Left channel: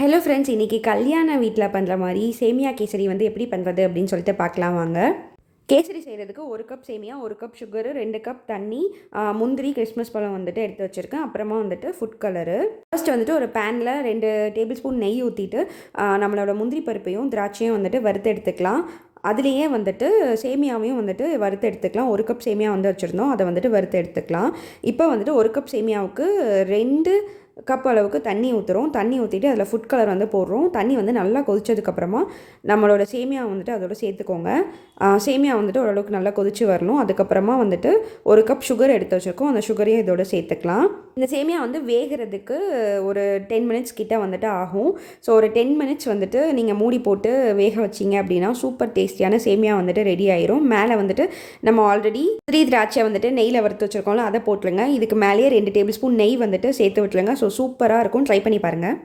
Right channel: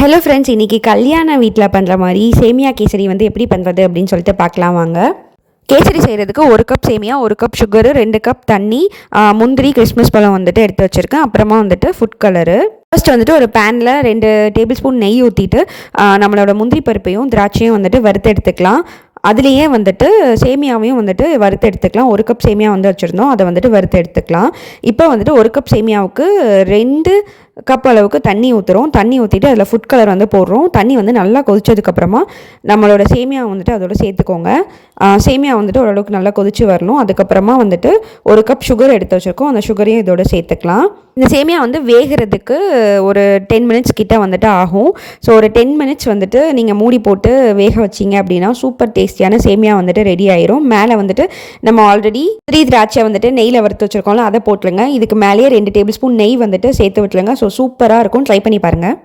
Hello friends, இன்றைக்கி கல்யாண வீட்டில் பண்ணுற மாதிரி சேமியா கேசரி வந்து எப்படி பண்ணுறது அப்படின்னு சொல்லிட்டு பார்க்கலாம் வாங்க. கேசரி செய்கிறதுக்கு 1 கப் சேமியா, 1 கப் சுகரு, 2 கப் தண்ணி, முந்திரி, கிறிஸ்மஸ் பழம் வந்துட்டு எடுத்து வச்சுருக்கேன். அப்புறமா வந்துட்டு ஃபுட் கலரு. ஃபர்ஸ்ட் வந்துட்டு ஒரு பேனில் 2 டேபிள் ஸ்பூன் நெய் ஊற்றிட்டு நம்மளோட முந்திரி பருப்பையும் திராட்சையும் வந்துட்டு வறுத்து எடுத்துக்கலாம். அதுலேயே வந்துட்டு சேமியாவையும் வந்துட்டு வறுத்து எடுத்துக்கலாம். 1 கப் சேமியா வந்து வச்சுருந்தோம், அதை வந்துட்டு வறுத்து எடுத்துக்கலாம். இப்போ வந்துட்டு 1 கப் சேமியாவுக்கு 2 கப் அளவுக்கு தண்ணி ஊற்றுறோம். தண்ணி ஊற்றிட்டு அதில் ஃபுட் கலர் வந்து போடுறோம். தண்ணி வந்து நல்லா கொதிச்சதுக்கப்புறமா நம்மளோட சேமியா வந்துட்டு அதோட சேர்த்துக்கோங்க. சேமியா வந்துட்டு ஓரளவுக்கு நல்லா கொதிச்சு வரணும். அதுக்கப்புறமா வந்துட்டு 1 கப் சுகர் எடுத்து வச்சுருக்கோம், அந்த சுகரையும் இதோட சேர்த்துக்கலாம். இந்த சேமியா வந்து வேகிறதுக்கு ஒரு 10 மினிட்ஸ் கிட்ட வந்துட்டு ஆகும். ஸோ ஒரு 10 மினிட்ஸ் வந்துட்டு நீங்கள் மூடி போட்டு வேக வச்சிங்க அப்படின்னா சூப்பர் டேஸ்டியான சேமியா வந்துட்டு ரெடி ஆயிரும். மேலே வந்துட்டு நம்ம ஆல்ரெடி திராட்சை வந்துட்டு நெய்யில் வறுத்து வச்சுருக்கோம்ல, அதை போட்டுருங்க. இதுக்கு மேலேயே 2 டேபிள் ஸ்பூன் நெய் வந்துட்டு சேர்த்து விட்டுருங்க. ஸோ சூப்பராக இருக்கும், ட்ரை பண்ணி பாருங்கள்.